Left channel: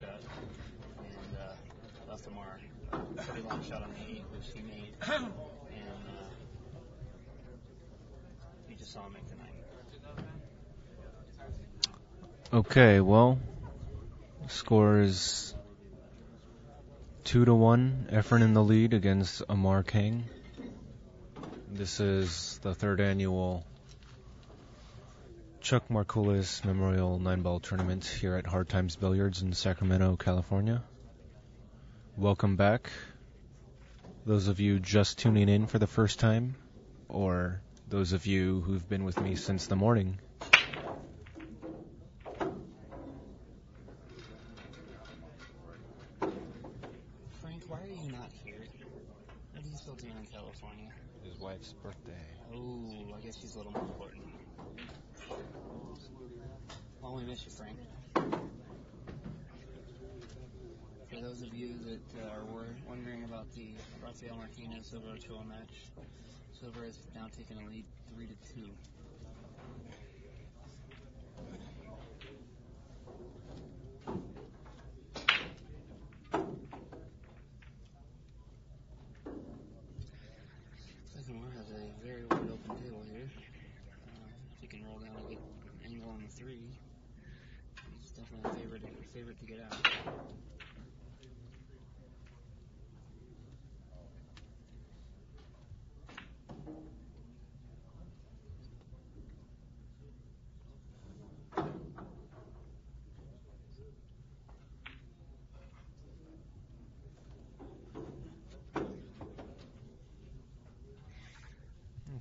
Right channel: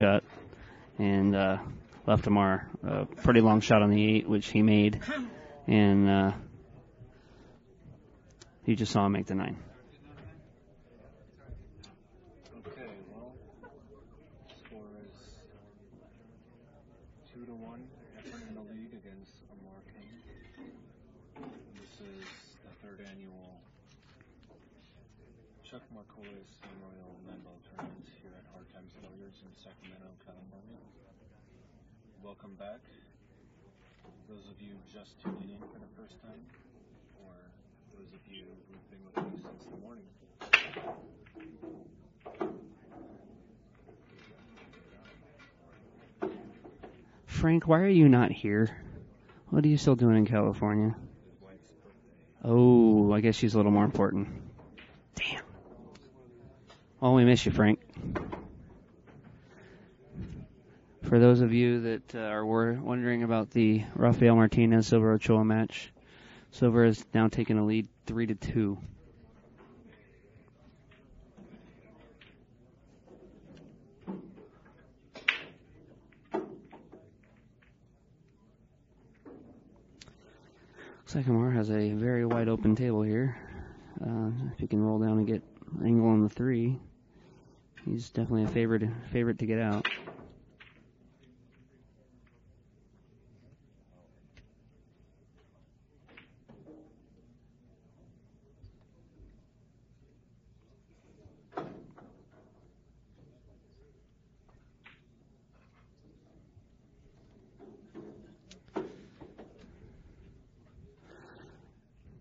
shot and left Amar a pretty long shot on the 8, which he made, and you just saw him make the 9. Okay, well, score is 2-1. Efren in the lead against Amar Kang. This is the third annual Chuck Markulis Memorial 9-Ball Tournament here at Hard Times Billiards in Sacramento, California. Welcome back. Those of you just tuning in for the first time, or those of you who've been with me since the morning. Frank, why are you not here? What are you still doing in California? His wife's birthday. Oh, I guess she's a little more important. Damn. Oh, we miss you, Frank. For those of you that are wondering about the Rafael Martinez Silver Ochoa match, Silver has now taken a lead 3-2. Looks like Amar has a very wide open table here. If he can roll down and get angle on the 3, he's definitely a favorite to get out.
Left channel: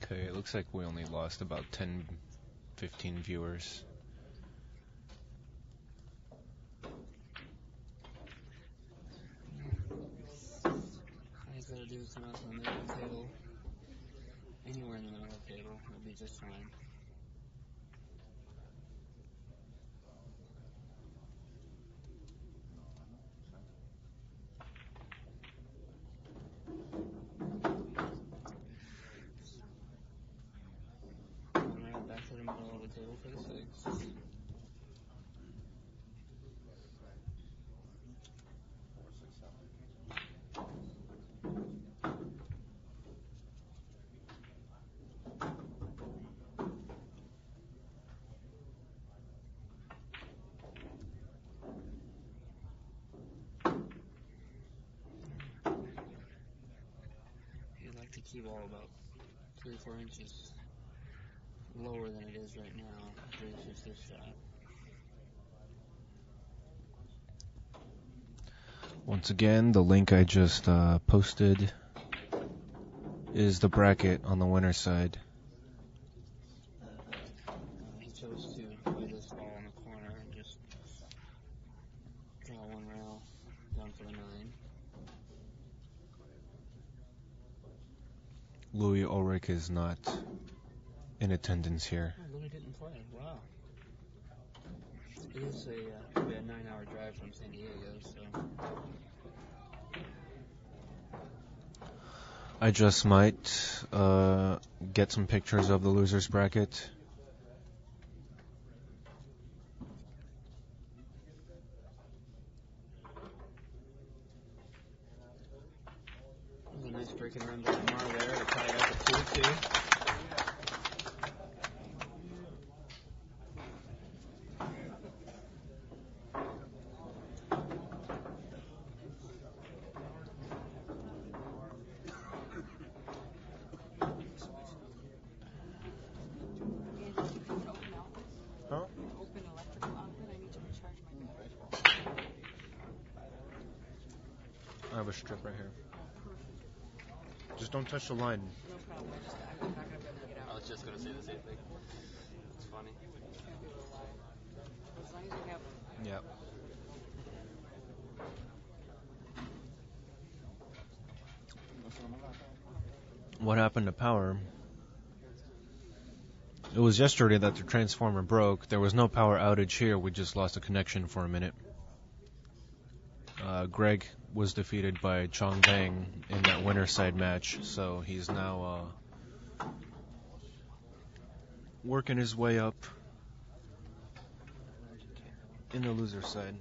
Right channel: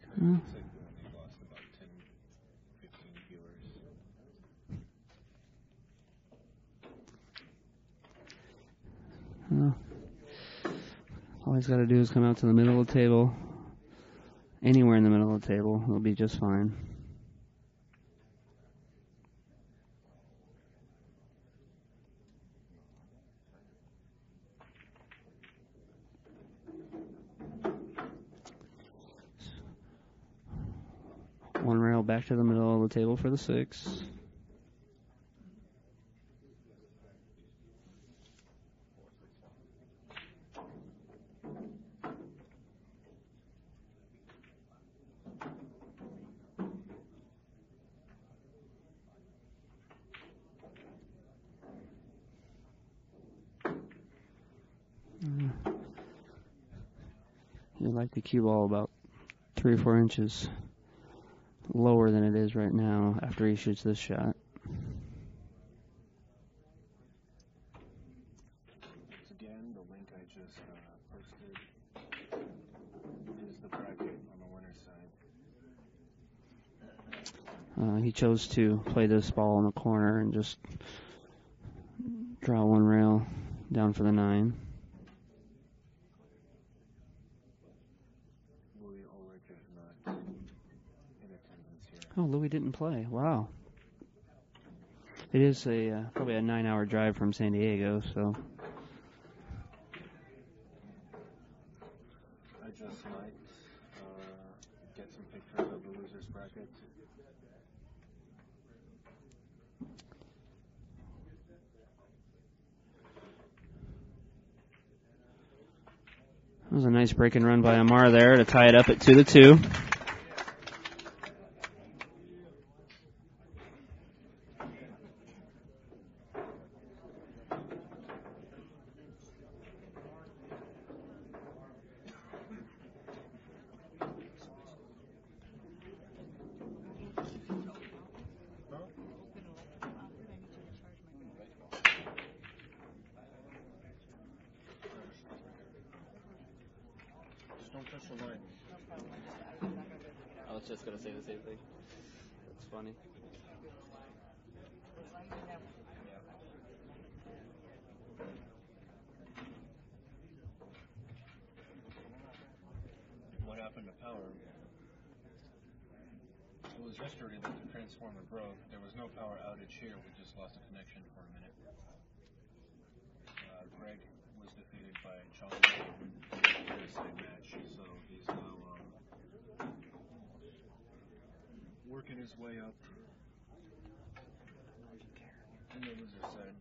Okay, it looks like we only lost about 10, 15 viewers. All he's got to do is come out to the middle of the table. Anywhere in the middle of the table, he'll be just fine. One rail back to the middle of the table for the 6. He would like the cue ball about 3 or 4 inches lower than it is right now after he shoots this shot. Once again, the link I just posted is the bracket on the winner's side. He chose to play this ball in the corner and just draw one rail down for the 9. Louis Ulrich is not in attendance here. Oh, Louis didn't play. Wow. It is probably a 9-hour drive from San Diego, so... I just might get some pictures of the loser's bracket. That was a nice break and run by Amar there to tie it up at 2-2. I have a strip right here. Just don't touch the line. I was just going to say the same thing. That's funny. Yeah. What happened to power? It was yesterday that the transformer broke. There was no power outage here. We just lost a connection for a minute. Greg was defeated by Chong Bang in that winner's side match, so he's now working his way up in the loser side.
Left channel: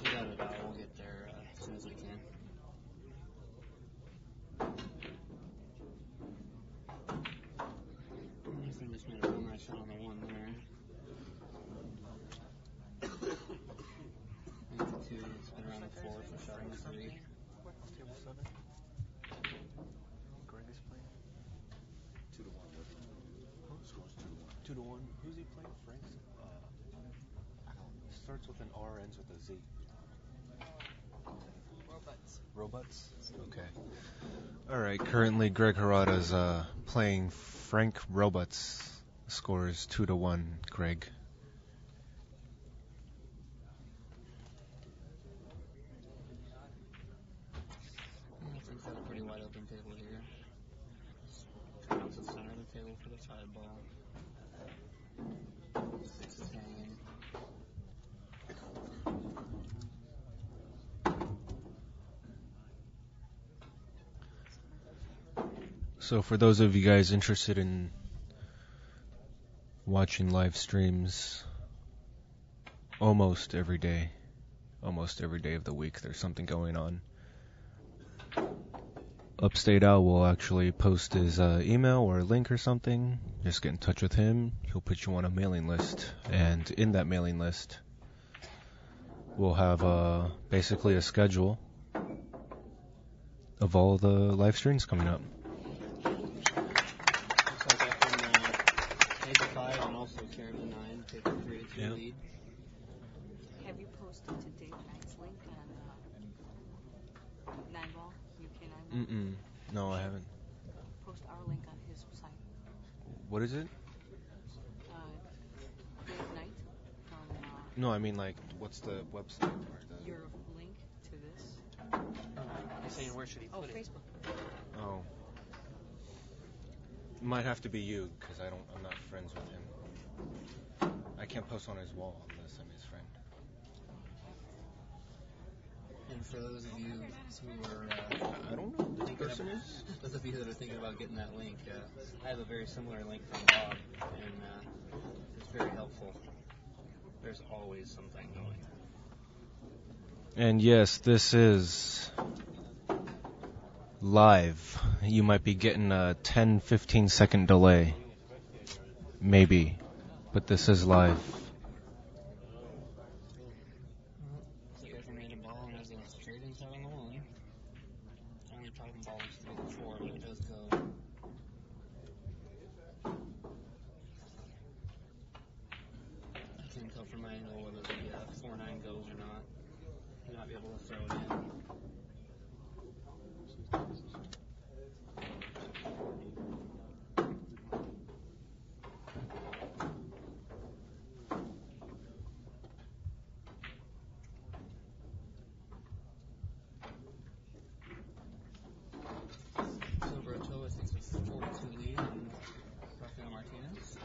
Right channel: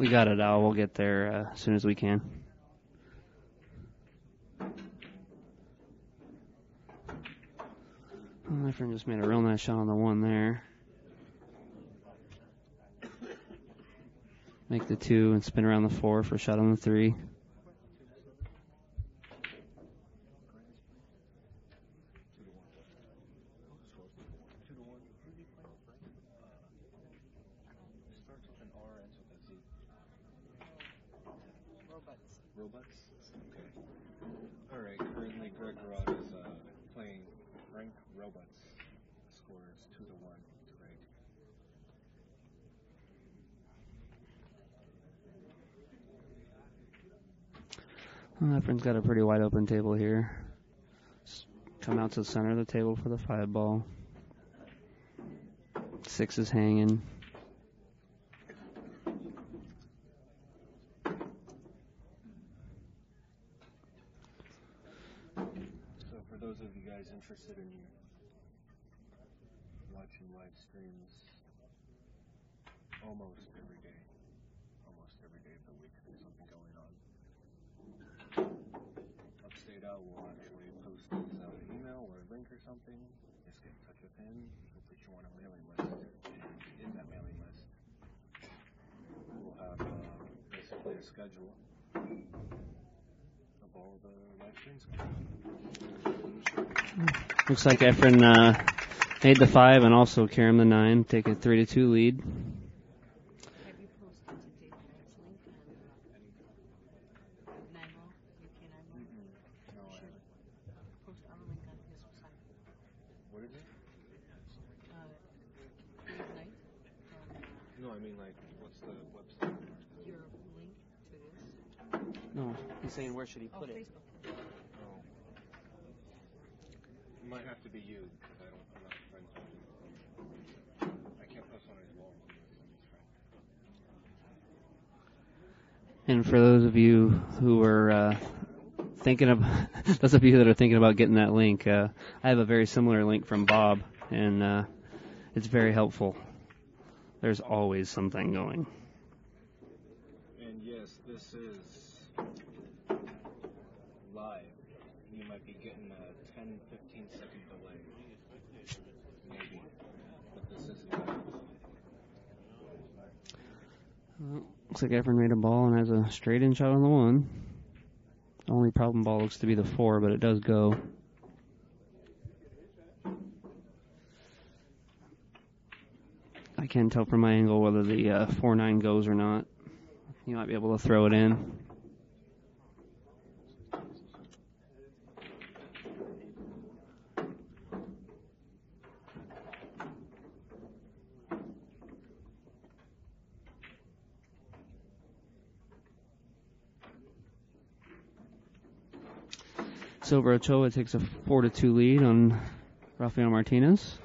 We got it, Al. We'll get there as soon as we can. Efren just made a real nice shot on the 1 there. Make the 2 and spin around the 4 for a shot on the 3. Starts with an R, ends with a Z. Robots? Okay. Alright, currently Greg Harada's playing Frank Robots. Score is 2-1, Greg. Well, Efren's got a pretty wide open table here. Come out to the center of the table for the 5 ball. 6 is hanging. So for those of you guys interested in watching live streams, almost every day of the week there's something going on. Upstate Al will actually post his email or a link or something. Just get in touch with him. He'll put you on a mailing list, and in that mailing list we'll have basically a schedule of all the live streams coming up. Looks like Efren made the 5 and also Karam the 9. Take a 3-2 lead. Have you posted to Dave Knight's link on 9-ball? No, I haven't. Post our link on his site. What is it? Dave Knight from, No, I mean, like, what's the website? your link to this. No, he's saying where should he put it? Facebook. Oh. It might have to be you, because I'm not friends with him. I can't post on his wall unless I'm his friend. And for those of you who are thinking of, those of you that are thinking about getting that link, I have a very similar link from Bob, and it's very helpful. There's always something going. And yes, this is live. You might be getting a 10-15 second delay. Maybe. But this is live. Looks like Efren made a ball and has a straight in shot on the 1. The only problem ball looks to be the 4, but it does go. I can't tell from my angle whether the 4-9 goes or not. You might be able to throw it in. Silver Ochoa takes a 4-2 lead on Rafael Martinez.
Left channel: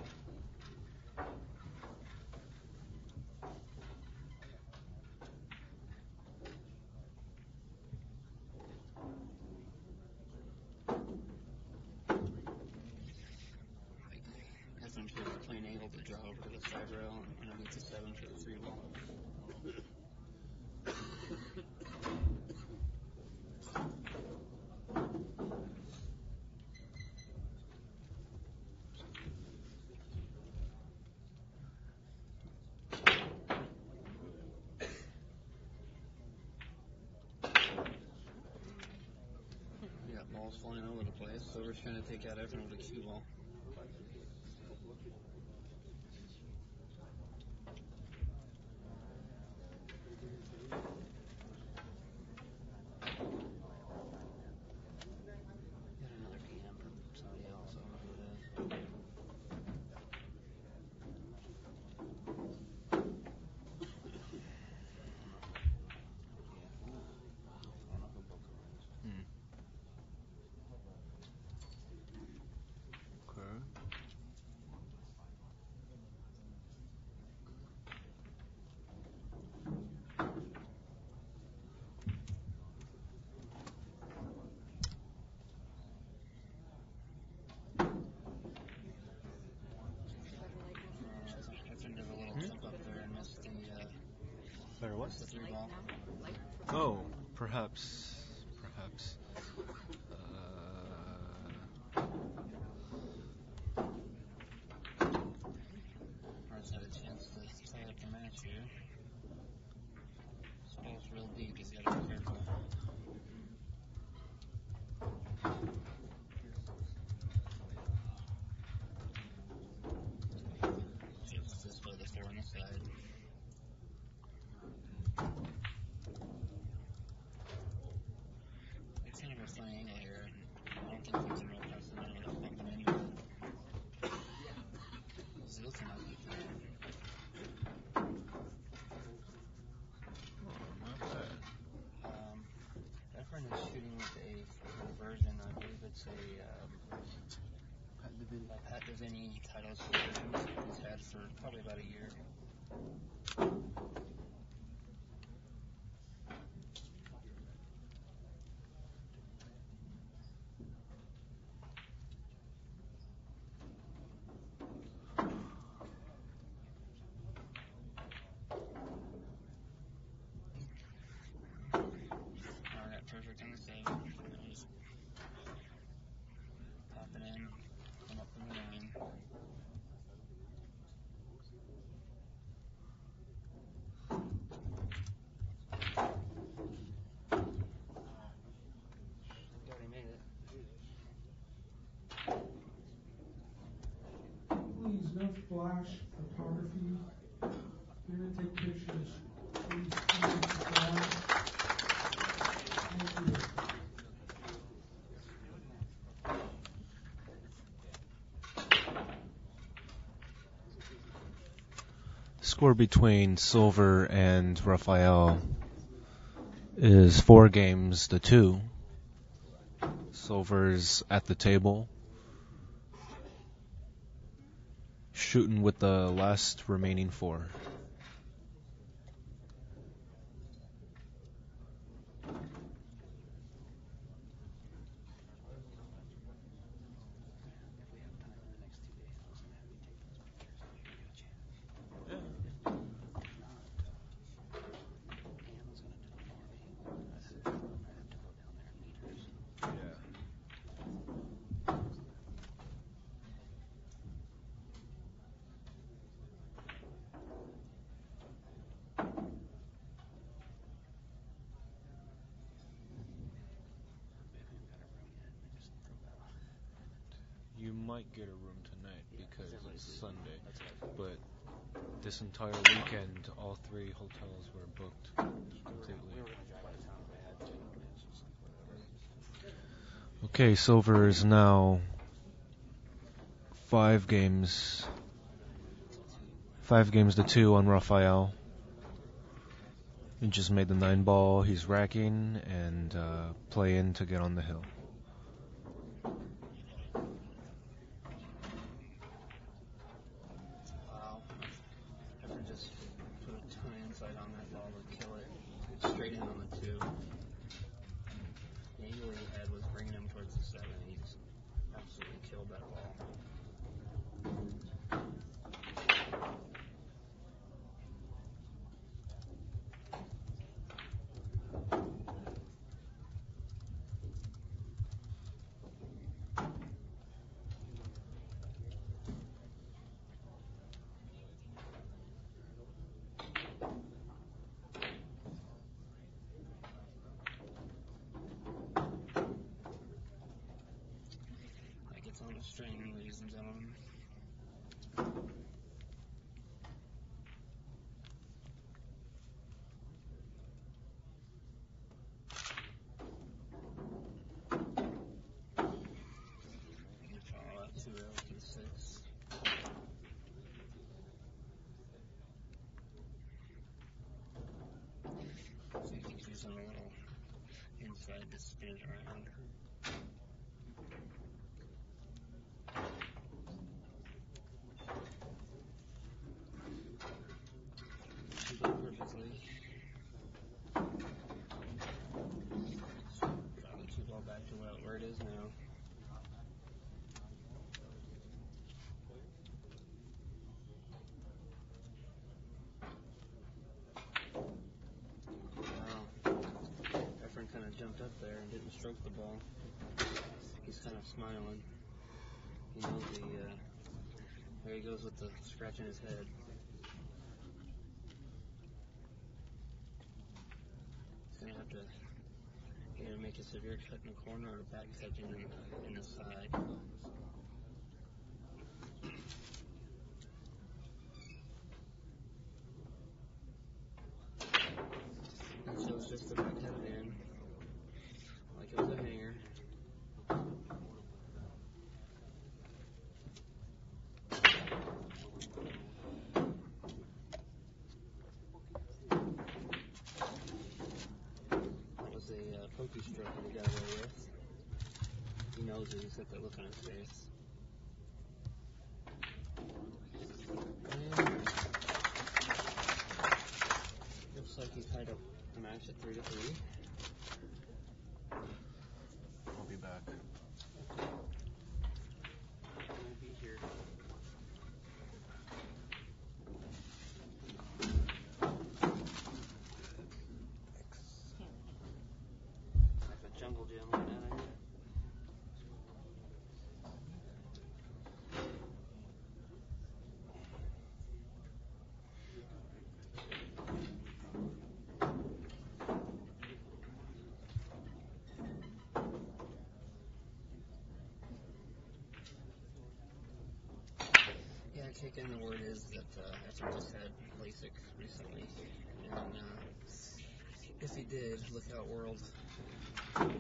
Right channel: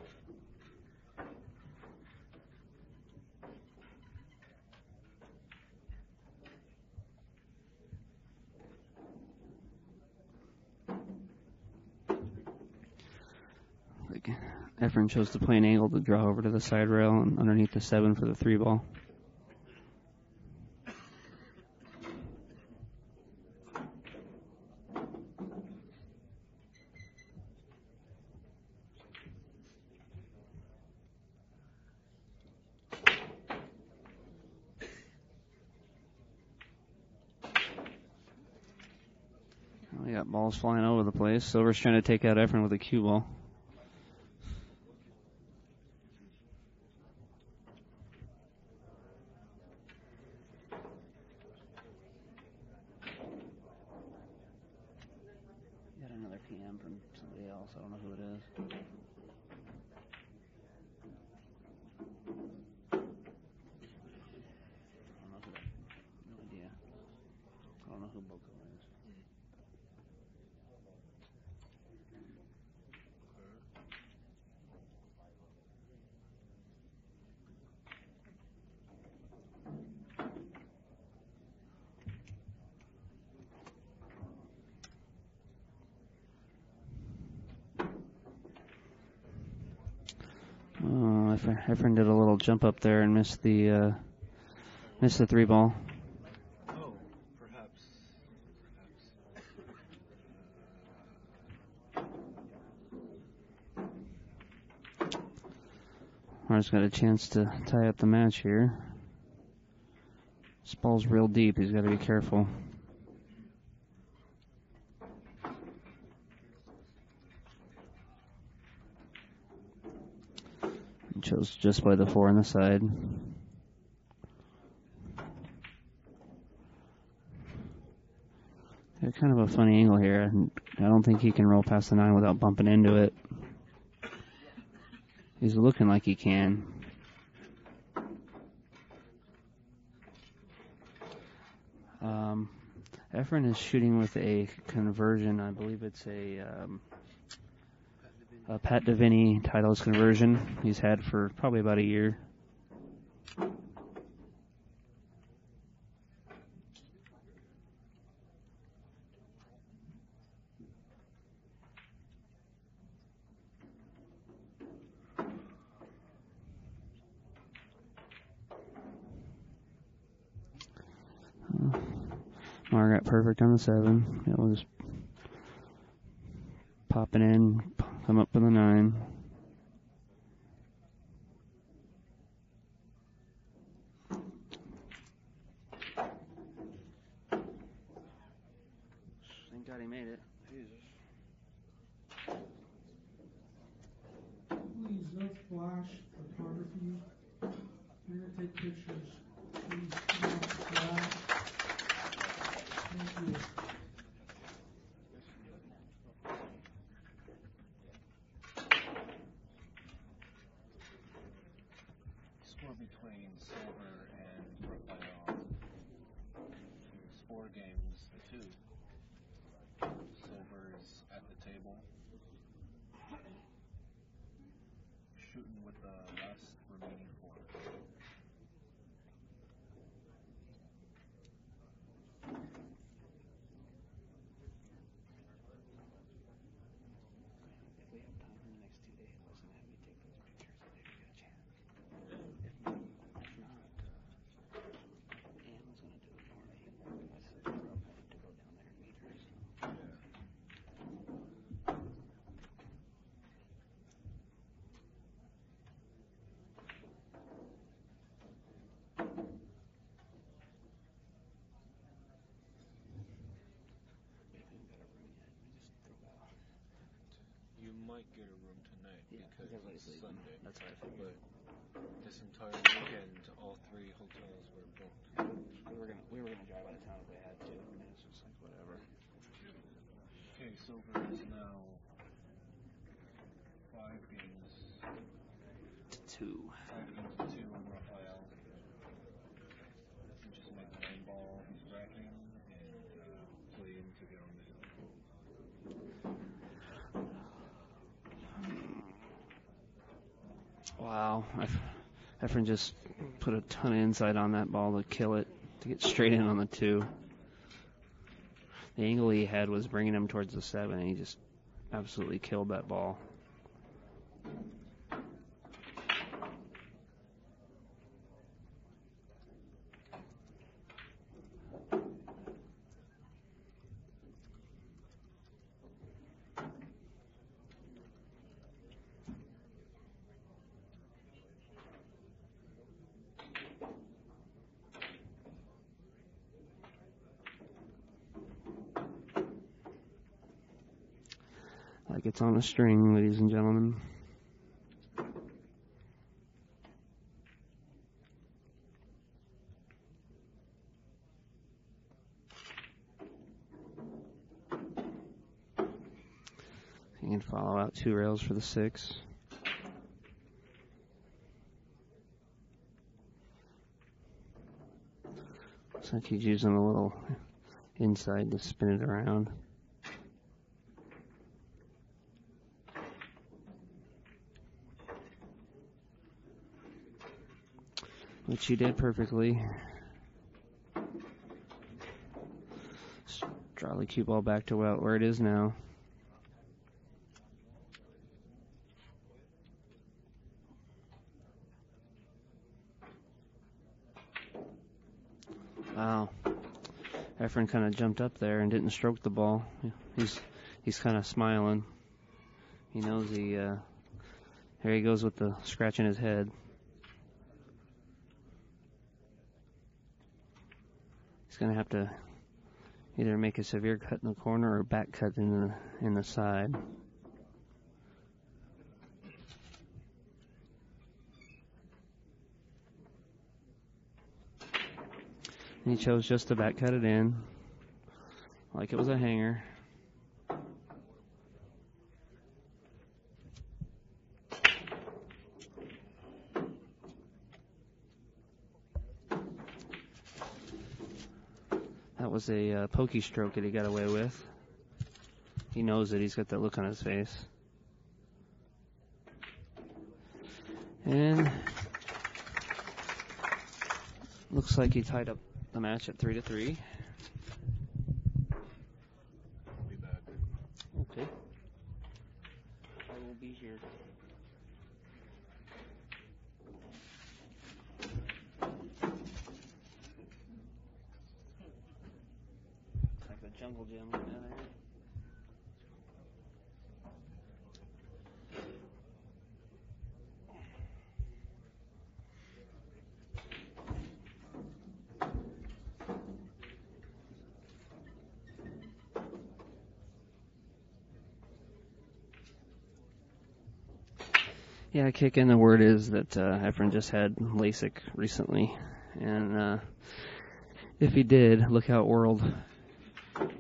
Efren chose to play an angle to draw over to the side rail and underneath the 7 for the 3 ball. We got balls flying over the place. Silver's trying to take out Efren with a cue ball. Got another PM from somebody else. I don't know who it is. No idea. I don't know who Boca is. Efren did a little jump up there and missed the 3 ball. Amar's got a chance to tie up the match here. This ball's real deep. He's got to be careful. Chose just by the 4 on the side. Got kind of a funny angle here. I don't think he can roll past the 9 without bumping into it. He's looking like he can. Efren is shooting with a conversion. I believe it's a Pat Deviney Titleist conversion he's had for probably about a year. Amar got perfect on the 7. We'll just pop it in, come up with a 9. Thank God he made it. Please, no flash photography. Here to take pictures. Please come up to the lab. Thank you. Score between Silver and Raphael is 4 games to 2. Silver's at the table, shooting with the last remaining 4. Might get a room tonight because it's Sunday, but this entire weekend all 3 hotels were booked. We were going to drive out of town if we had to. I mean, it's just like whatever. Okay, Silver is now 5 games to 2 on Raphael. He just made the 9 ball. He's racking and playing to get on the hill. Wow. Efren just put a ton of insight on that ball to kill it, to get straight in on the 2. The angle he had was bringing him towards the 7, and he just absolutely killed that ball. Like it's on a string, ladies and gentlemen. You can follow out 2 rails for the 6. Looks like he's using a little inside to spin it around. Which he did perfectly. Just draw the cue ball back to where it is now. Wow. Efren kind of jumped up there and didn't stroke the ball. He's kind of smiling. He knows there he goes with the scratch in his head. He's going to have to either make a severe cut in the corner or back cut in the side. And he chose just to back cut it in, like it was a hanger. That was a pokey stroke that he got away with. He knows it. He's got that look on his face. And looks like he tied up the match at 3-3. I'll be back. Okay. I will be here. Like a jungle gym right down here. Yeah, kick in. The word is that Efren just had LASIK recently, and if he did, look out, world. Looks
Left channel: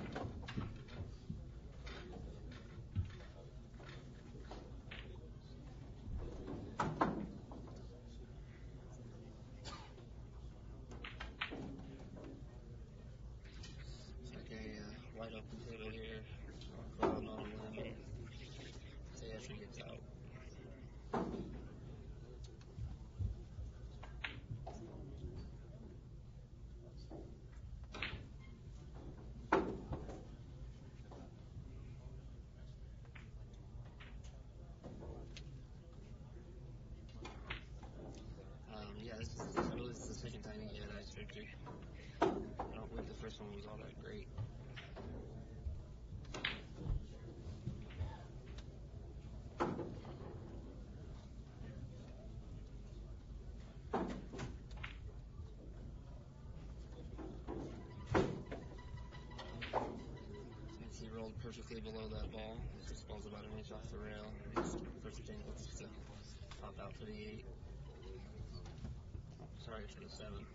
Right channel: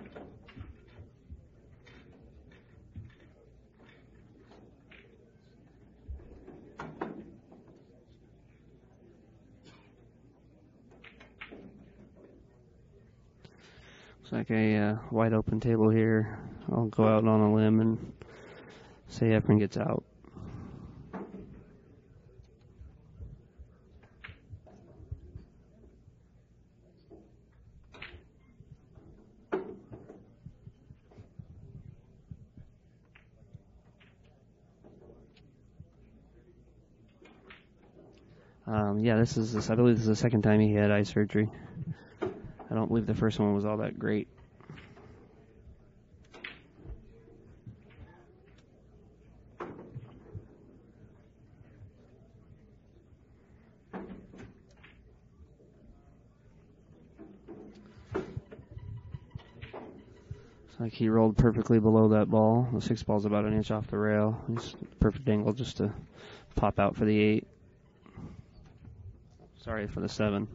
like a wide open table here. I'll go out on a limb and say Efren gets out. Yeah, I believe this is the second time he had eye surgery. I don't believe the first one was all that great. It's like he rolled perfectly below that ball. The 6 ball's about an inch off the rail. He's perfect angle just to pop out for the 8. Sorry for the 7.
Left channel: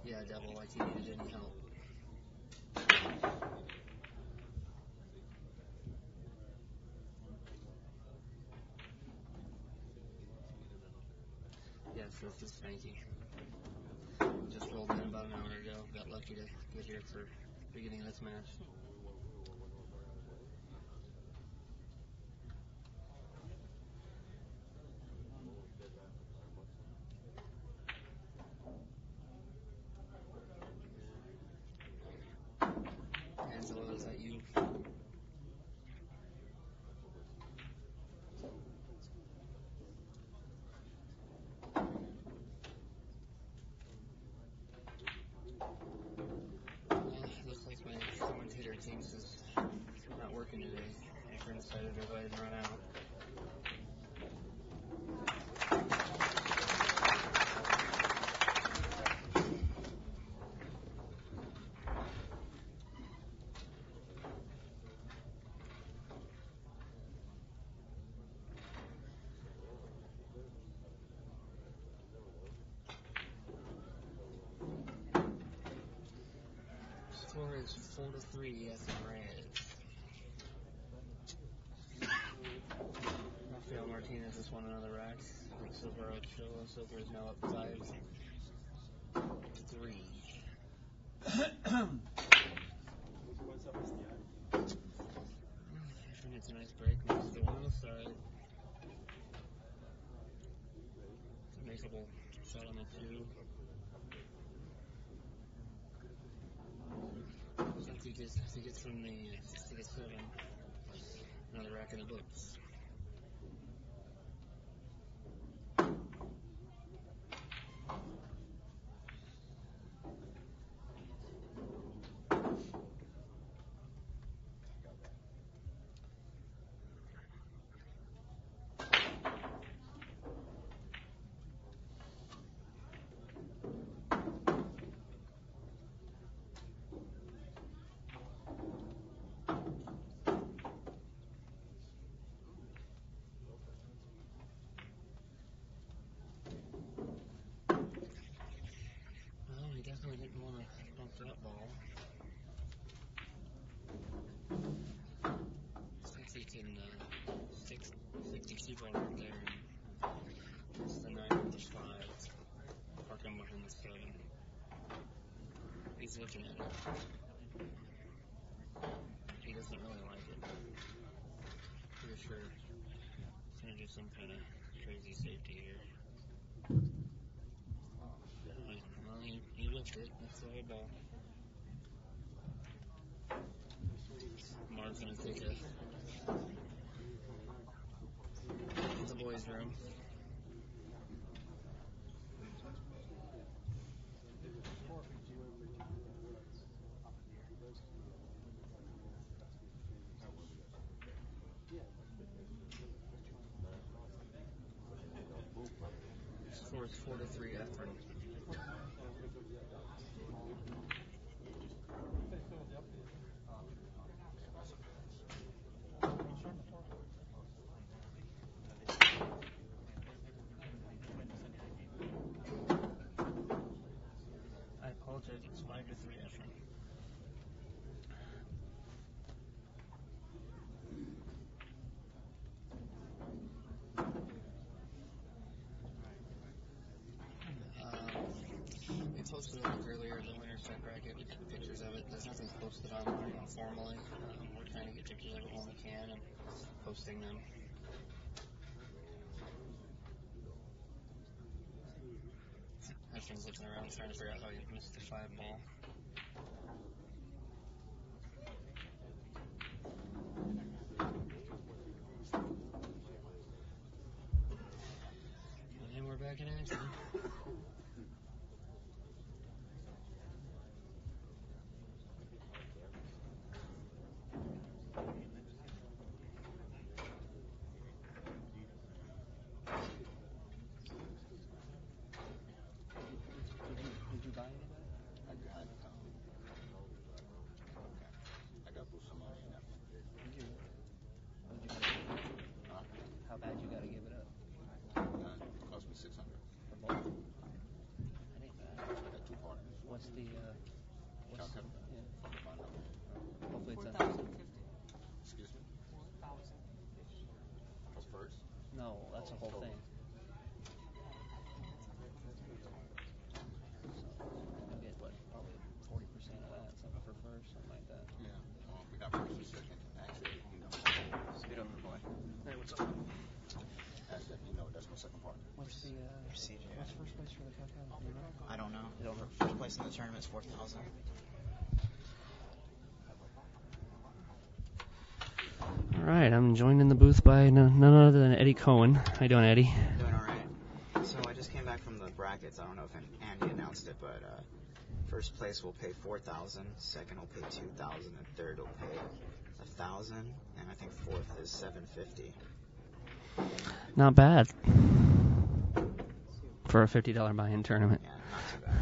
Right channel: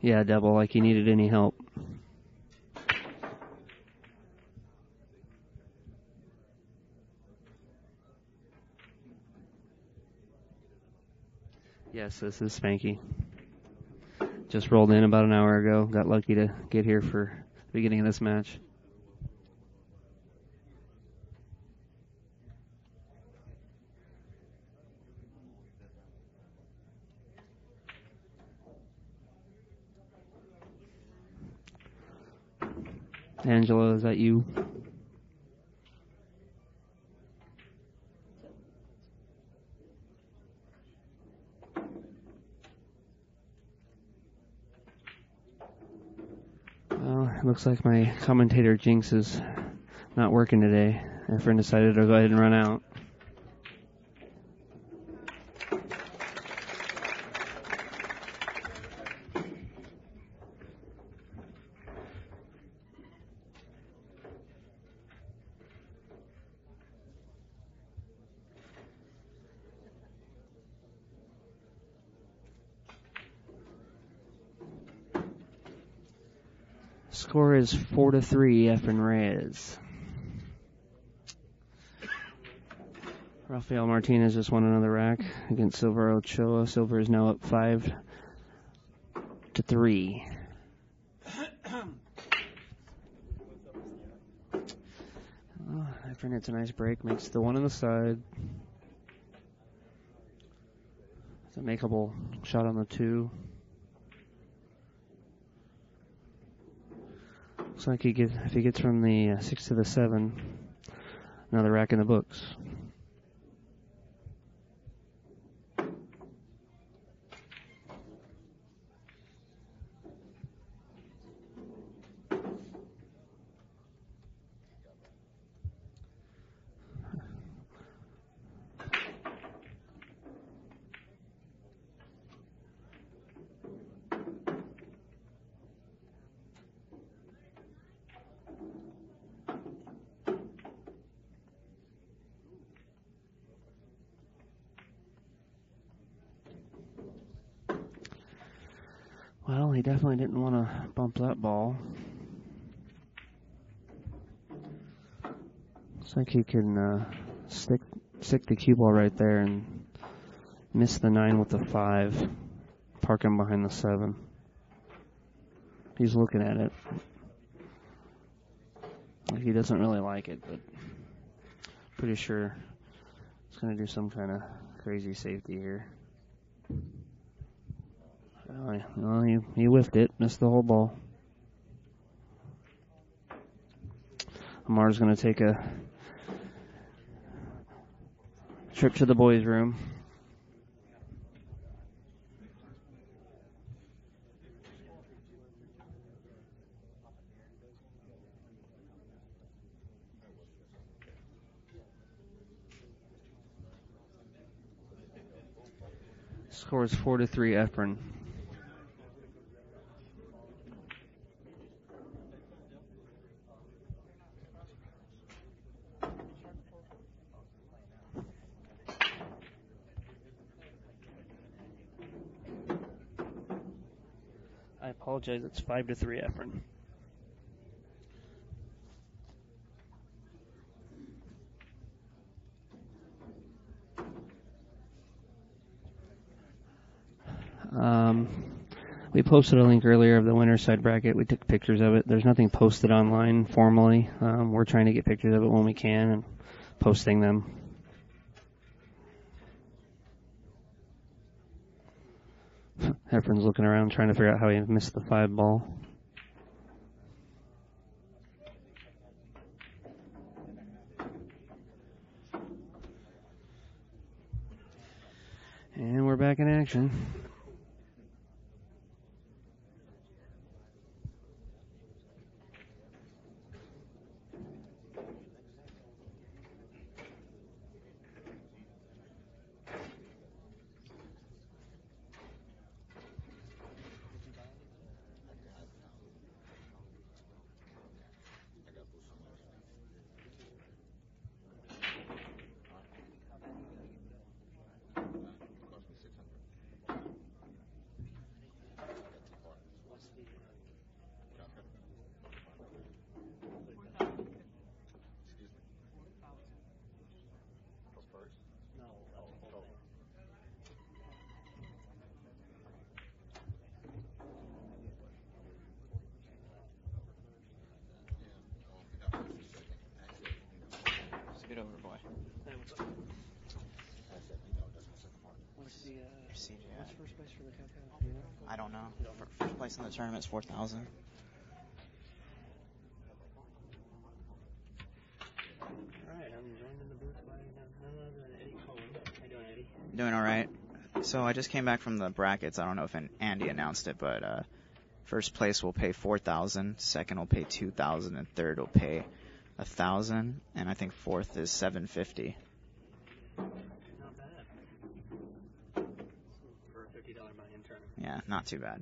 Yeah, double, like he needed any help. Yes, this is Spanky. Just rolled in about an hour ago. Got lucky to get here for the beginning of this match. Angela, is that you? Well, it looks like my commentator jinx is not working today. Efren decided to go ahead and run out. Score is 4-3, Efren Reyes. Rafael Martinez just won another rack against Silver Ochoa. Silver is now up 5-3. Efren hits a nice break, makes the 1 on the side. It's a makeable shot on the 2. Looks like if he gets from the 6 to the 7, another rack in the books. Well, he definitely didn't want to bump that ball. Looks like he can stick the cue ball right there and miss the 9 with the 5. Park him behind the 7. He's looking at it. He doesn't really like it, but pretty sure it's going to do some kind of crazy safety here. Well, he whiffed it, missed the whole ball. Amar's going to take a trip to the boys' room. Score is 4-3 Efren. I apologize, it's 5-3 Efren. We posted a link earlier of the winner's side bracket. We took pictures of it. There's nothing posted online formally. We're trying to get pictures of it when we can and posting them. Efren's looking around trying to figure out how he missed the 5 ball. And we're back in action. I don't know. First place in the tournament's 4,000. All right, I'm joined in the booth by none other than Eddie Cohen. How you doing, Eddie? Doing all right. So I just came back from the brackets. I don't know if Andy announced it, but first place will pay 4,000, second will pay 2,000, and third will pay 1,000, and I think fourth is 750. Not bad for a $50 buy-in tournament. Yeah, not too bad.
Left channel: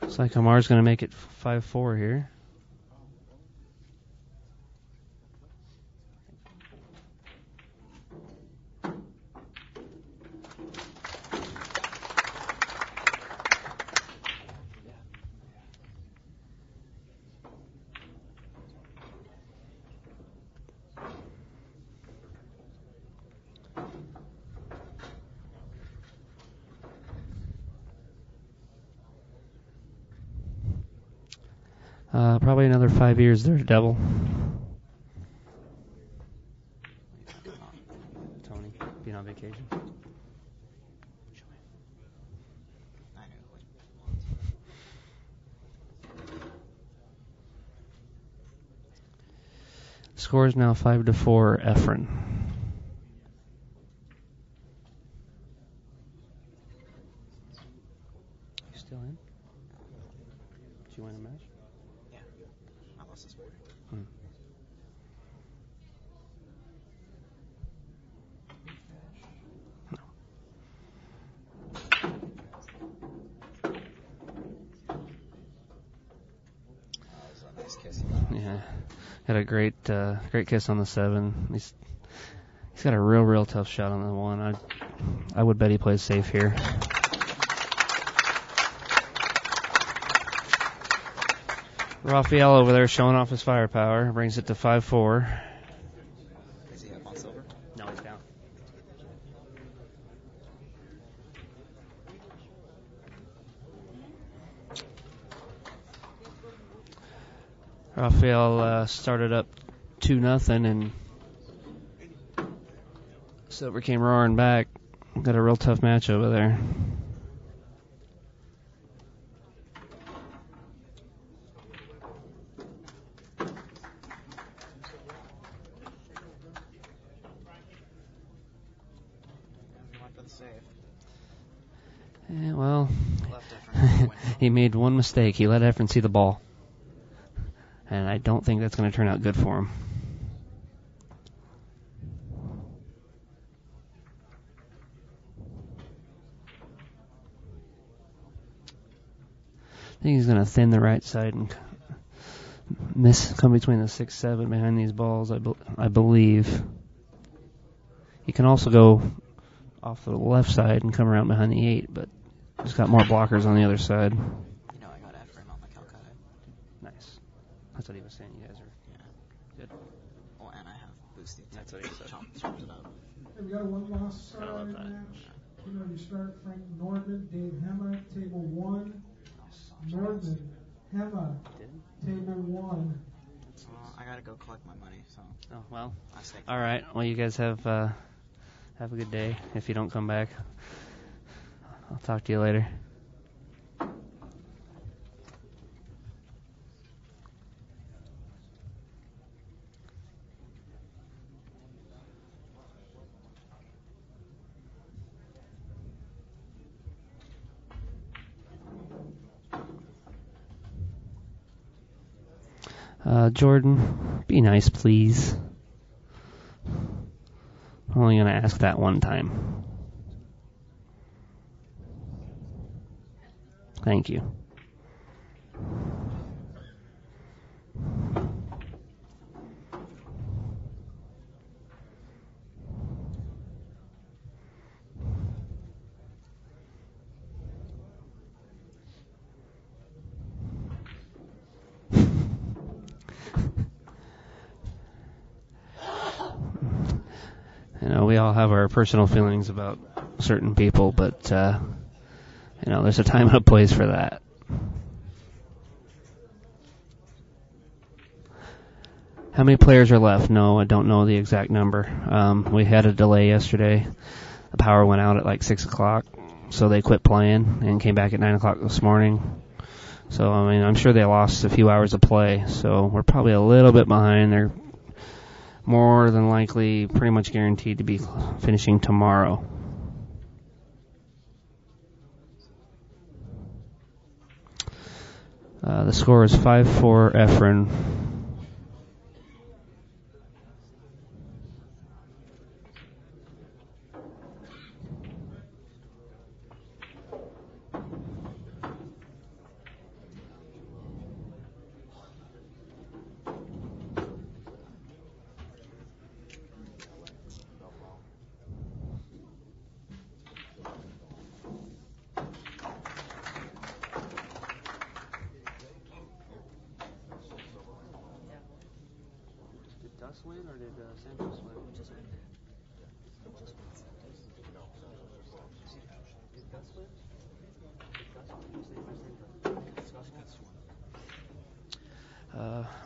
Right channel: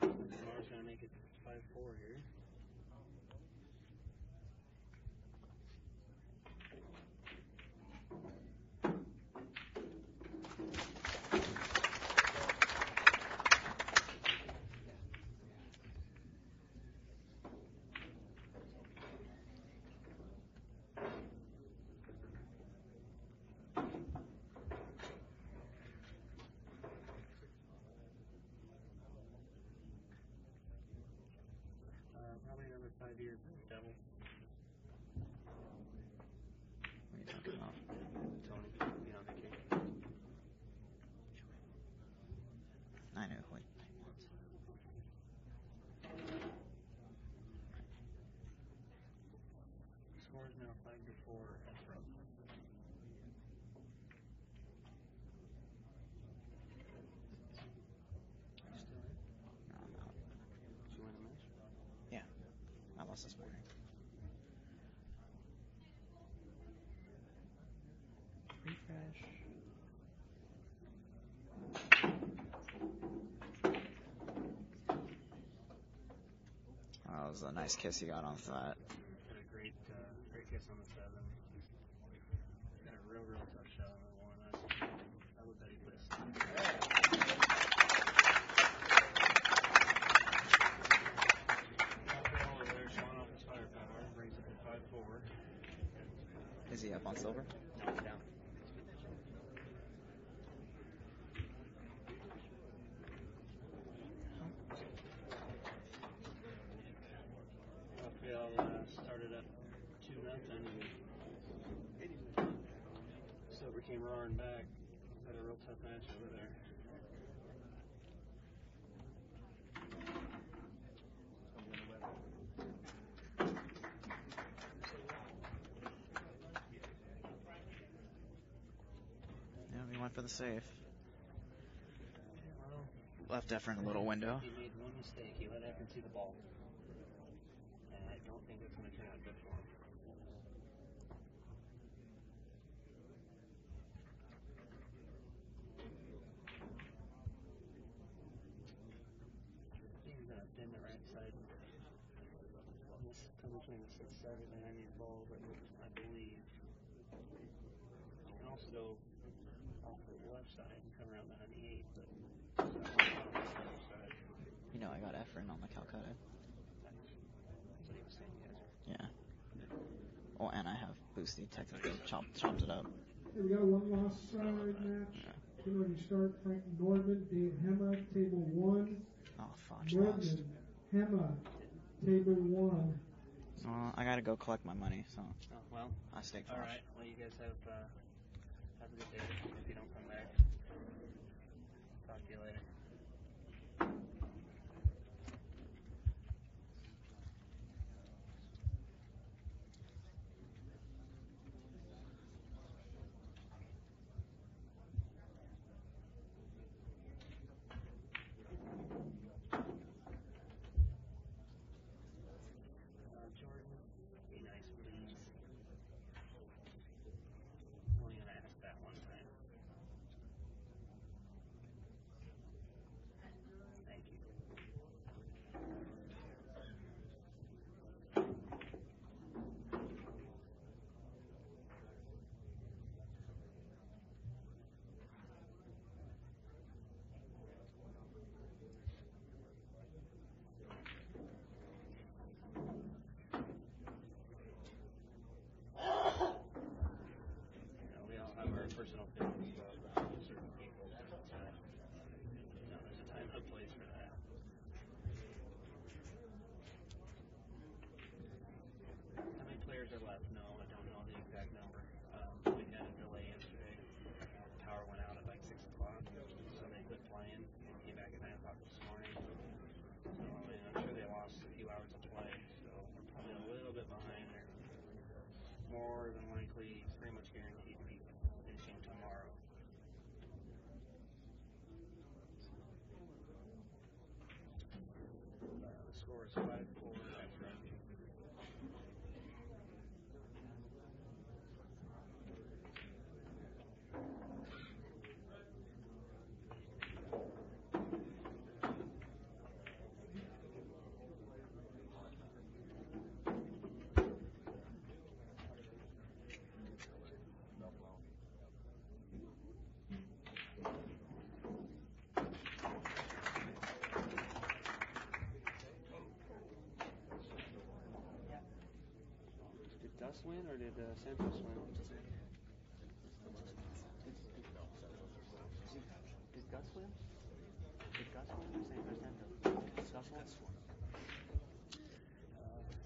Looks like Amar's going to make it 5-4 here. Probably another 5 years there, Devil. Tony, being on vacation. I know. Score is now 5-4, Efren. You still in? Did you win a match? Yeah, I lost this morning. That was a nice nice kiss he got on Yeah. flat. Had a great kiss on the 7. He's got a real tough shot on the 1. I would bet he plays safe here. Rafael over there showing off his firepower, brings it to 5-4. Is he up on silver? No, he's down. Rafael started up 2-0, and Silver came roaring back. Got a real tough match over there. Yeah, he went for the save. Yeah, well, Left Efren in the window. he made one mistake. He let Efren see the ball. And I don't think that's going to turn out good for him. I think he's going to thin the right side and come between the 6-7 behind these balls, I believe. He can also go off the left side and come around behind the 8, but he's got more blockers on the other side. You know, I got Efren on the Calcutta. Nice. That's what he was saying. You guys are Yeah. good. Oh, and I have Boosty. Chopped it up. Okay, we got one last match. We're going to start Frank Nordman, Dave Hema, table 1. Oh, fuck. Nordman, Hema, table 1. I gotta go collect my money, so. Oh, well. I stay. All right. Well, you guys have a good day. If you don't come back, I'll talk to you later. Jordan, be nice, please. I'm only going to ask that one time. Thank you. You know, we all have our personal feelings about certain people, but, there's a time and a place for that. How many players are left? No, I don't know the exact number. We had a delay yesterday. The power went out at like 6 o'clock, so they quit playing and came back at 9 o'clock this morning. So, I'm sure they lost a few hours of play, so we're probably a little bit behind. They're more than likely pretty much guaranteed to be finishing tomorrow. The score is 5-4 Efren.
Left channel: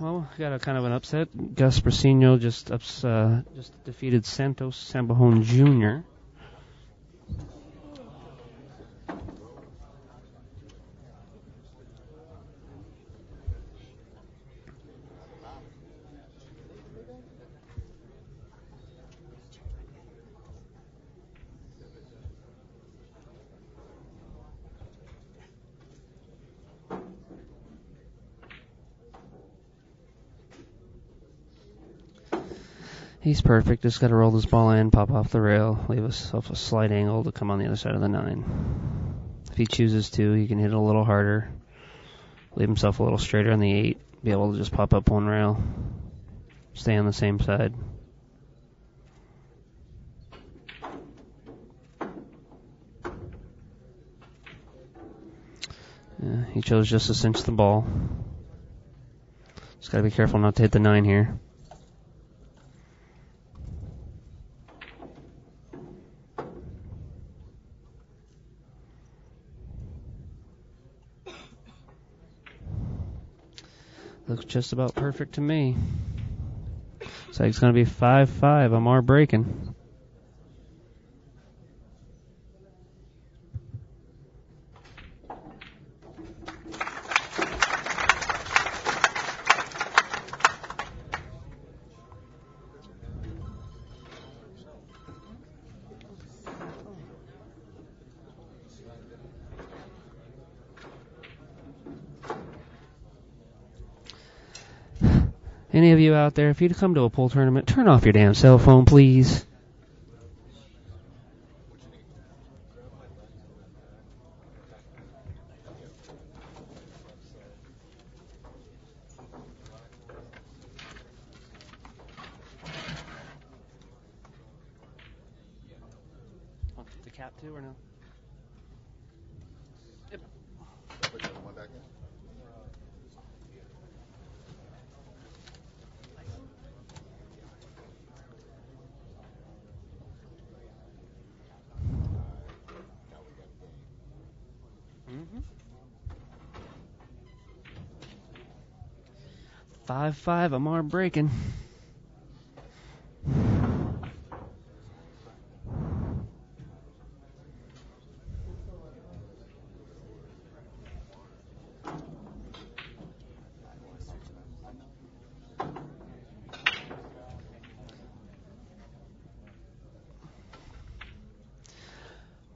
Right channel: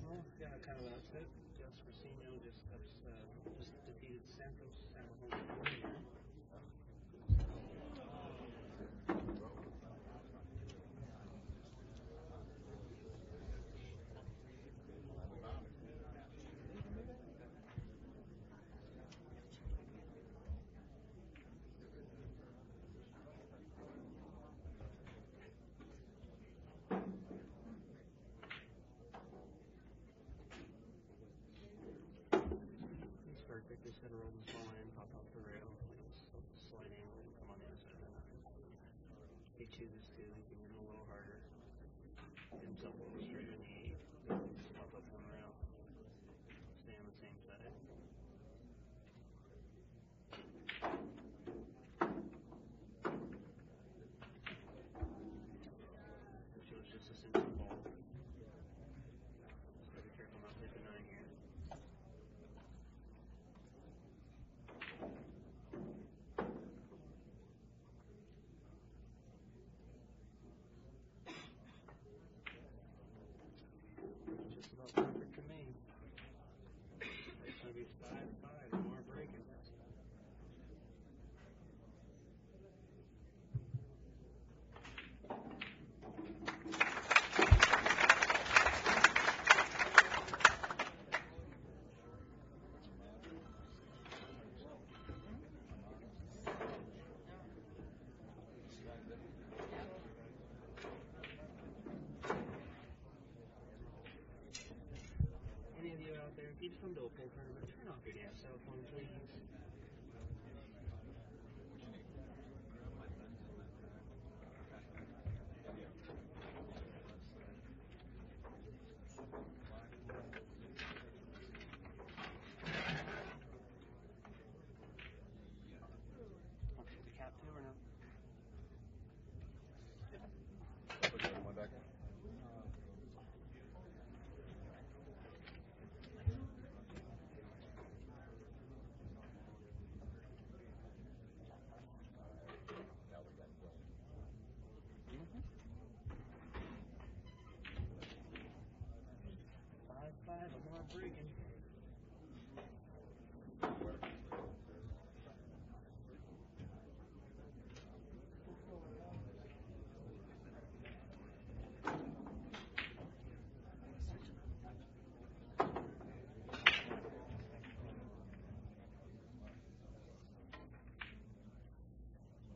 Well, we got a kind of an upset. Gus Brasino just defeated Santos Sambajon Jr. He's perfect. Just got to roll this ball in, pop off the rail, leave himself a slight angle to come on the other side of the 9. If he chooses to, he can hit it a little harder, leave himself a little straighter on the 8, be able to just pop up one rail, stay on the same side. Yeah, he chose just to cinch the ball. Just gotta be careful not to hit the 9 here. Looks just about perfect to me. So it's going to be 5-5. Amar breaking. Any of you out there, if you come to a pool tournament, turn off your damn cell phone, please. The cap too, or no? Yep. 5-5, Amar breaking.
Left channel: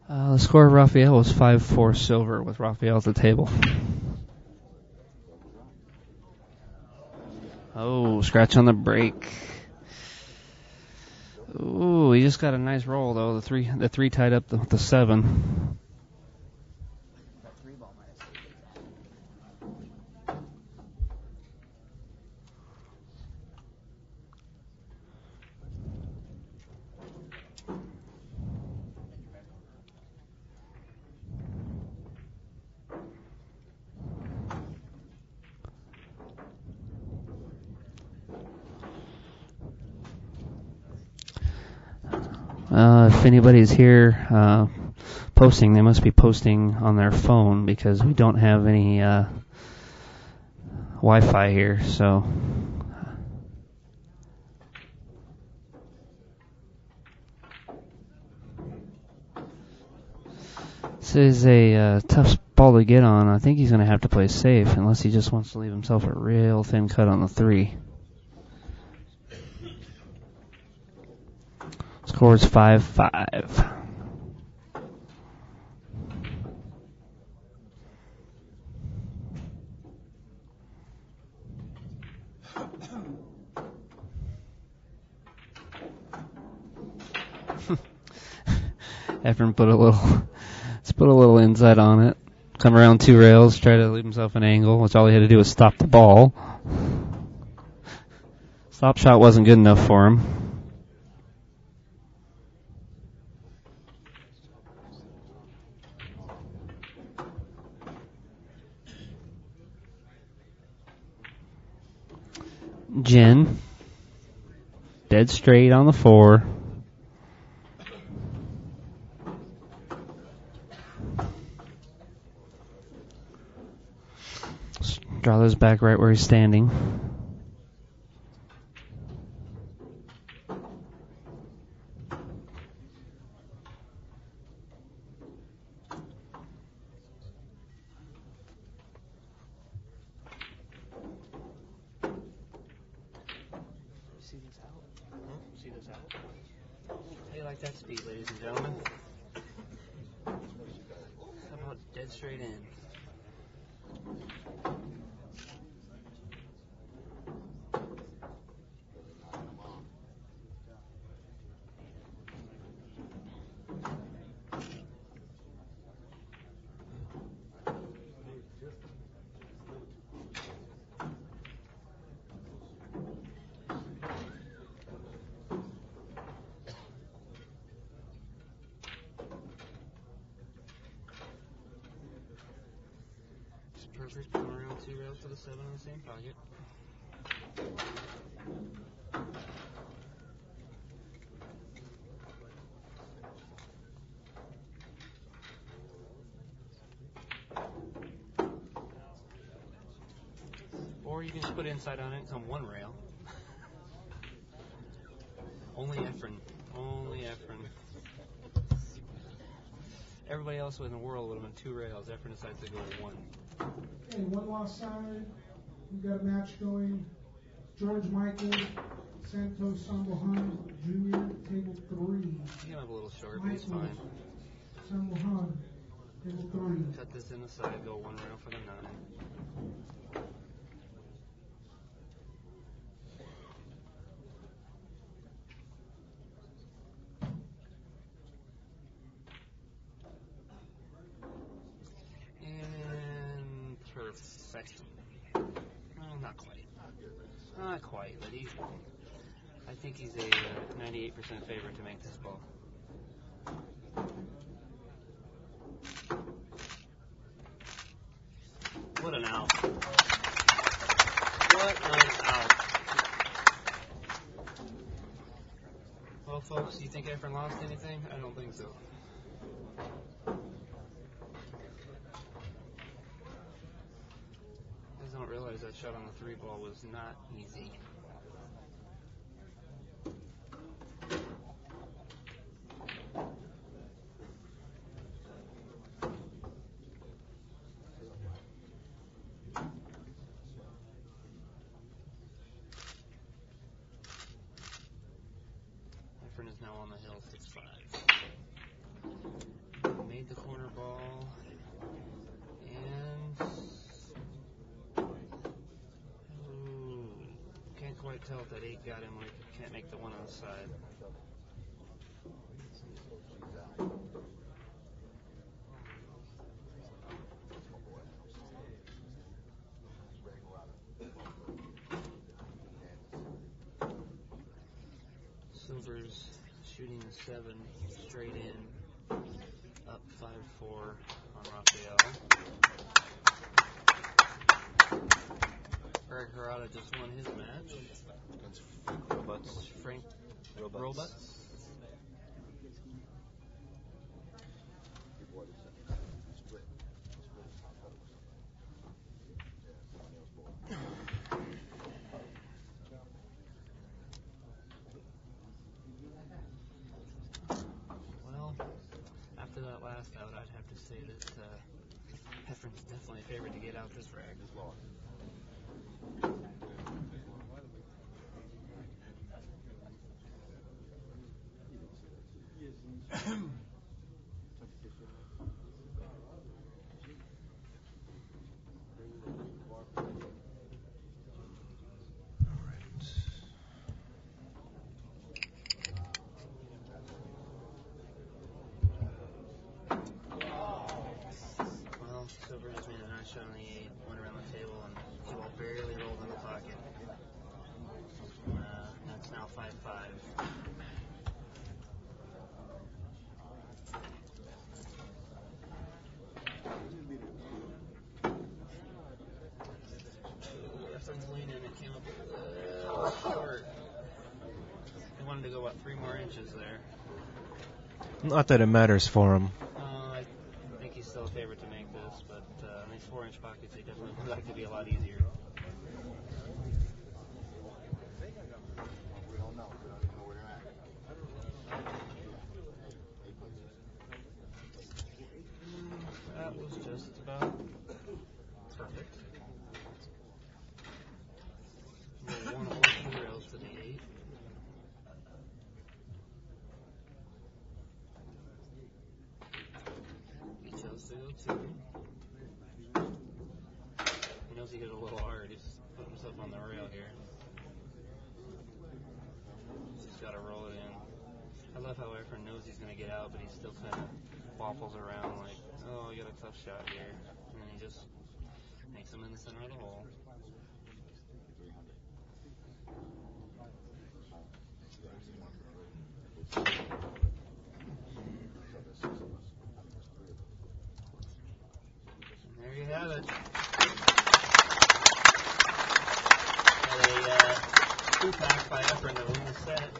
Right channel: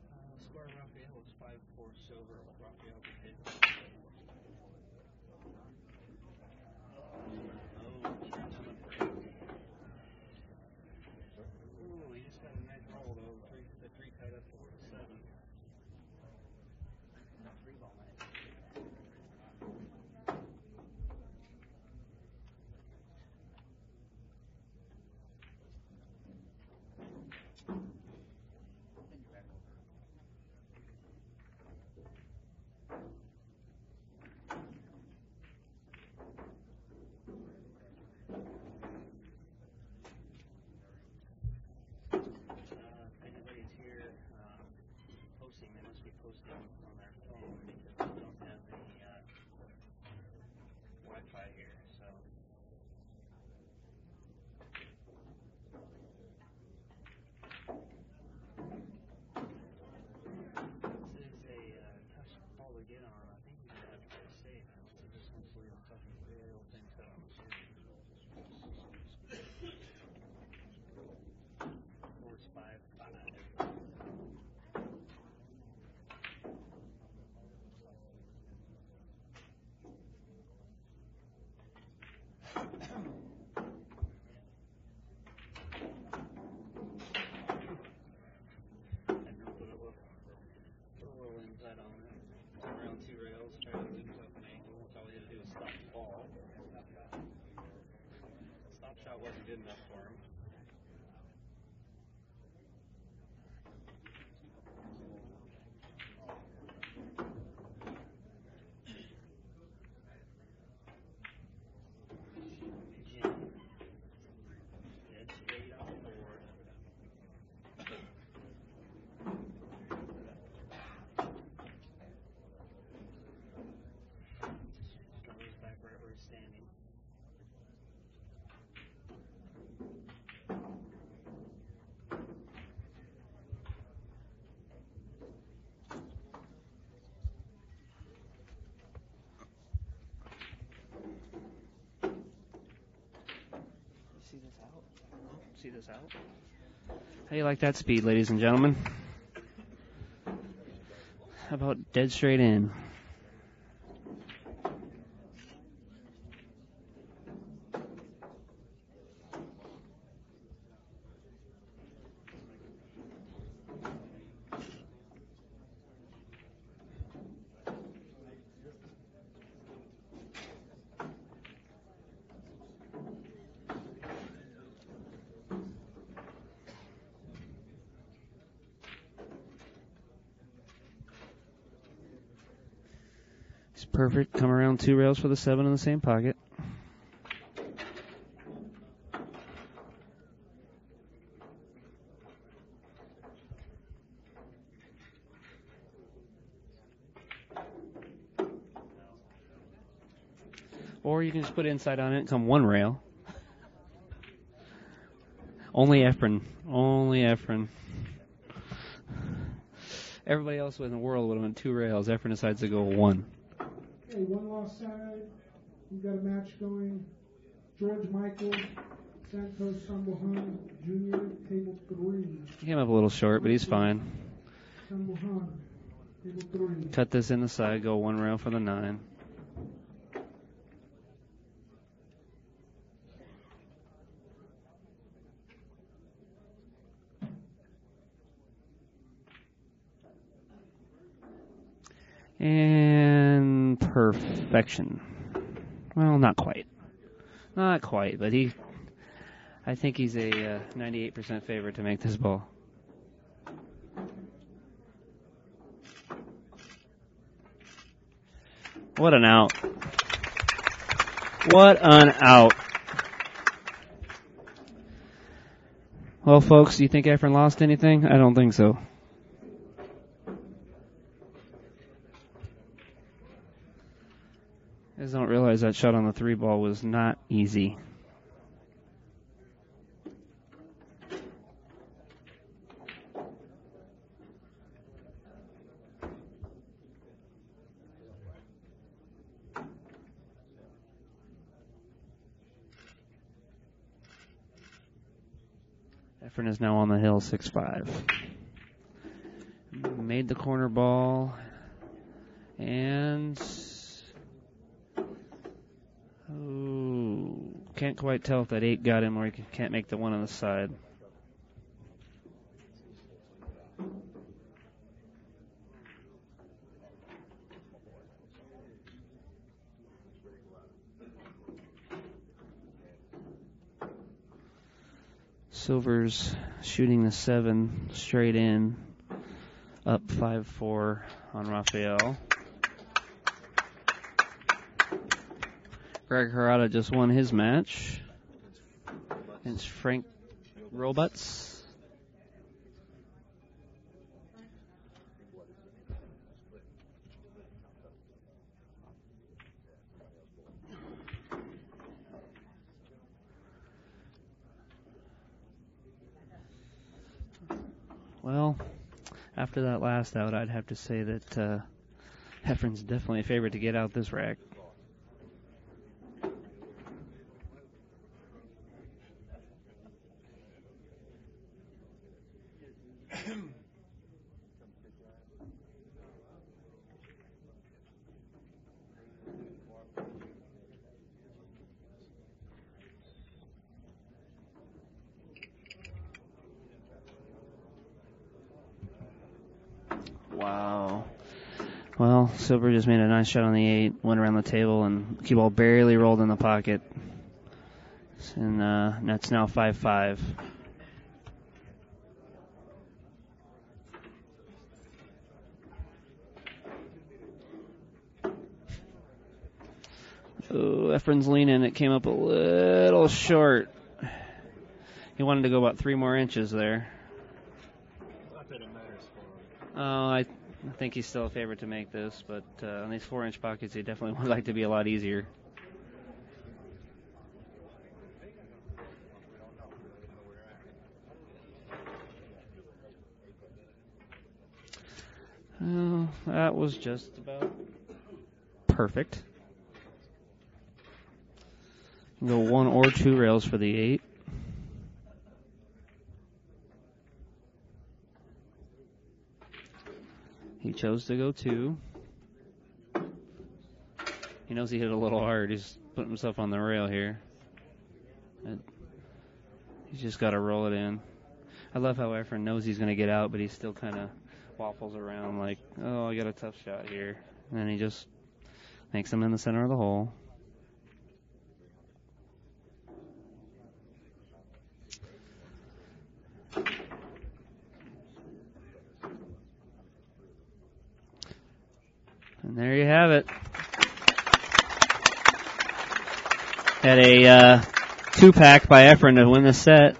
The score of Raphael was 5-4 silver with Raphael at the table. Oh, scratch on the break. Ooh, he just got a nice roll though. The three tied up the 7. If anybody's here posting, they must be posting on their phone because we don't have any Wi-Fi here. So this is a tough ball to get on. I think he's going to have to play safe unless he just wants to leave himself a real thin cut on the 3. Score is 5-5. Efren put a little inside on it. Come around 2 rails, try to leave himself an angle, which all he had to do was stop the ball. Stop shot wasn't good enough for him. Jen, dead straight on the 4. Draw those back right where he's standing. See this out? How do you like that speed, ladies and gentlemen? How about dead straight in? Perfect. Come around 2 rails for the 7 in the same pocket. Or you can just put inside on it and come 1 rail. Only Efren. Only Efren. Everybody else in the world would have went 2 rails. Efren decides to go 1. Okay, 1 lost side. We've got a match going. George Michael Santos Sambohan Jr., table 3. He came up a little short, but he's fine. Sambohan, table 3. Cut this in the side, go 1 rail for the 9. And perfection. Well, not quite. Not quite, but I think he's a 98% favorite to make this ball. What an out. What an out. Well, folks, do you think Efren lost anything? I don't think so. I just don't realize that shot on the 3 ball was not easy. Efren is now on the hill, 6-5. Made the corner ball. And... ooh, can't quite tell if that 8 got him or he can't make the 1 on the side. Silver's shooting the 7 straight in, up 5-4 on Rafael. Greg Harada just won his match. It's Frank Robots. Well, after that last out, I'd have to say that Efren's definitely a favorite to get out this rack. Well, Silver just made a nice shot on the 8, went around the table, and cue ball barely rolled in the pocket. And that's now 5-5. Oh, Efren's leaning. It came up a little short. He wanted to go about 3 more inches there. Not that it matters for him. Oh, I think he's still a favorite to make this, but on these 4-inch pockets, he definitely would like to be a lot easier. That was just about perfect. Go 1 or 2 rails for the 8. He chose to go 2. He knows he hit it a little hard. He's putting himself on the rail here. He's just got to roll it in. I love how Efren knows he's going to get out, but he still kind of waffles around like, oh, I got a tough shot here. And then he just makes him in the center of the hole. And there you have it. Had a 2-pack by Efren to win the set.